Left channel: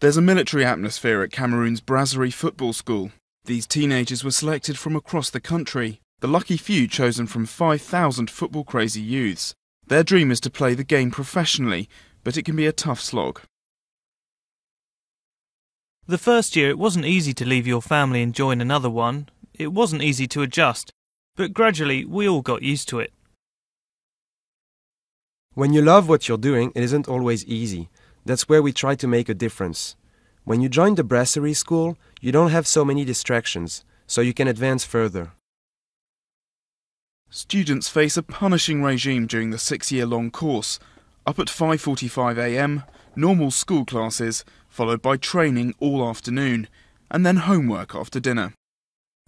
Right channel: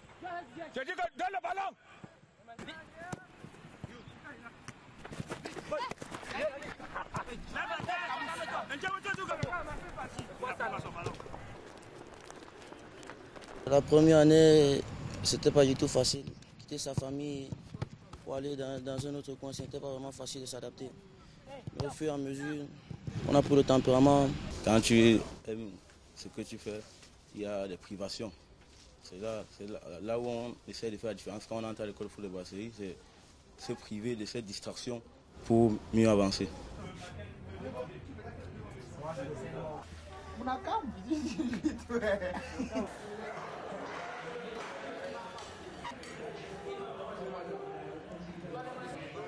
There's a military atmosphere at Cameroon's Brasserie football school. These teenagers were selected from across the country, the lucky few chosen from 5,000 football-crazy youths. Their dream is to play the game professionally, but it can be a tough slog. The first year it wasn't easy to leave your family and join another one. It wasn't easy to adjust, but gradually we all got used to it. When you love what you're doing, it isn't always easy. That's where we try to make a difference. When you join the Brasserie school, you don't have so many distractions, so you can advance further. Students face a punishing regime during the 6-year-long course. Up at 5:45 a.m, normal school classes, followed by training all afternoon, and then homework after dinner.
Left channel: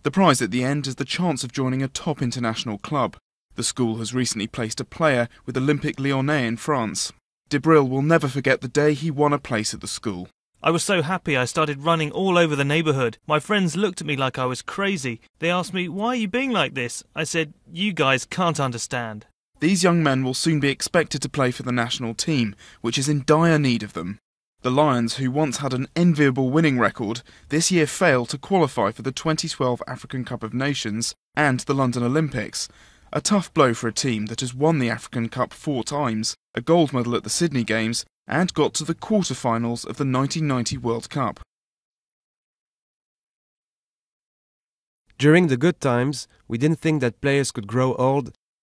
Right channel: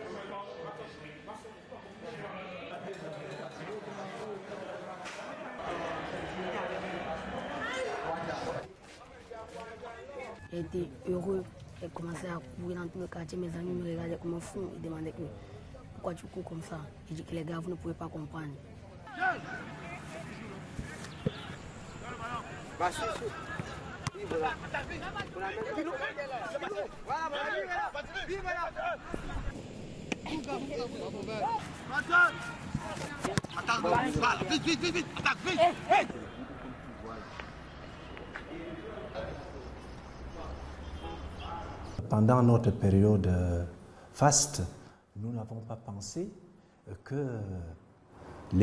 The prize at the end is the chance of joining a top international club. The school has recently placed a player with Olympique Lyonnais in France. Debril will never forget the day he won a place at the school. I was so happy I started running all over the neighbourhood. My friends looked at me like I was crazy. They asked me, "Why are you being like this?" I said, "You guys can't understand." These young men will soon be expected to play for the national team, which is in dire need of them. The Lions, who once had an enviable winning record, this year failed to qualify for the 2012 African Cup of Nations and the London Olympics. A tough blow for a team that has won the African Cup 4 times, a gold medal at the Sydney Games, and got to the quarter-finals of the 1990 World Cup. During the good times, we didn't think that players could grow old and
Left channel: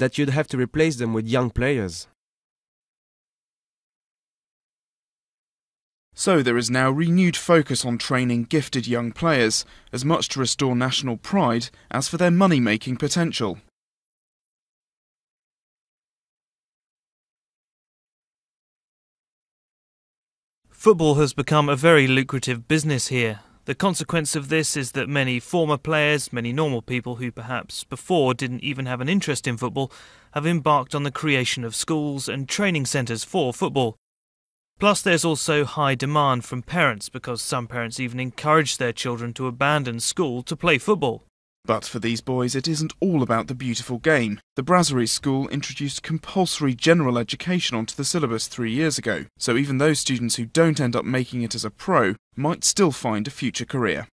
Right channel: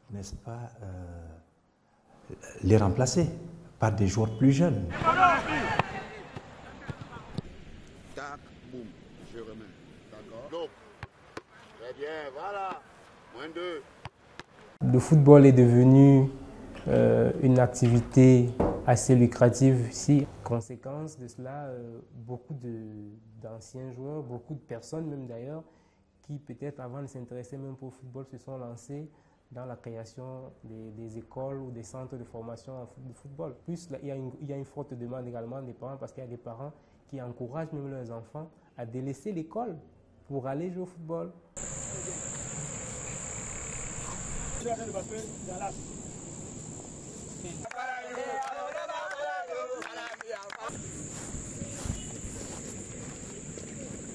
that you'd have to replace them with young players. So there is now renewed focus on training gifted young players, as much to restore national pride as for their money-making potential. Le football est devenu une activité assez lucrative ici. Football has become a very lucrative business here. The consequence of this is that many former players, many normal people who perhaps before didn't even have an interest in football, have embarked on the creation of schools and training centres for football. Plus there's also high demand from parents, because some parents even encourage their children to abandon school to play football. But for these boys, it isn't all about the beautiful game. The Brasserie School introduced compulsory general education onto the syllabus 3 years ago, so even those students who don't end up making it as a pro might still find a future career.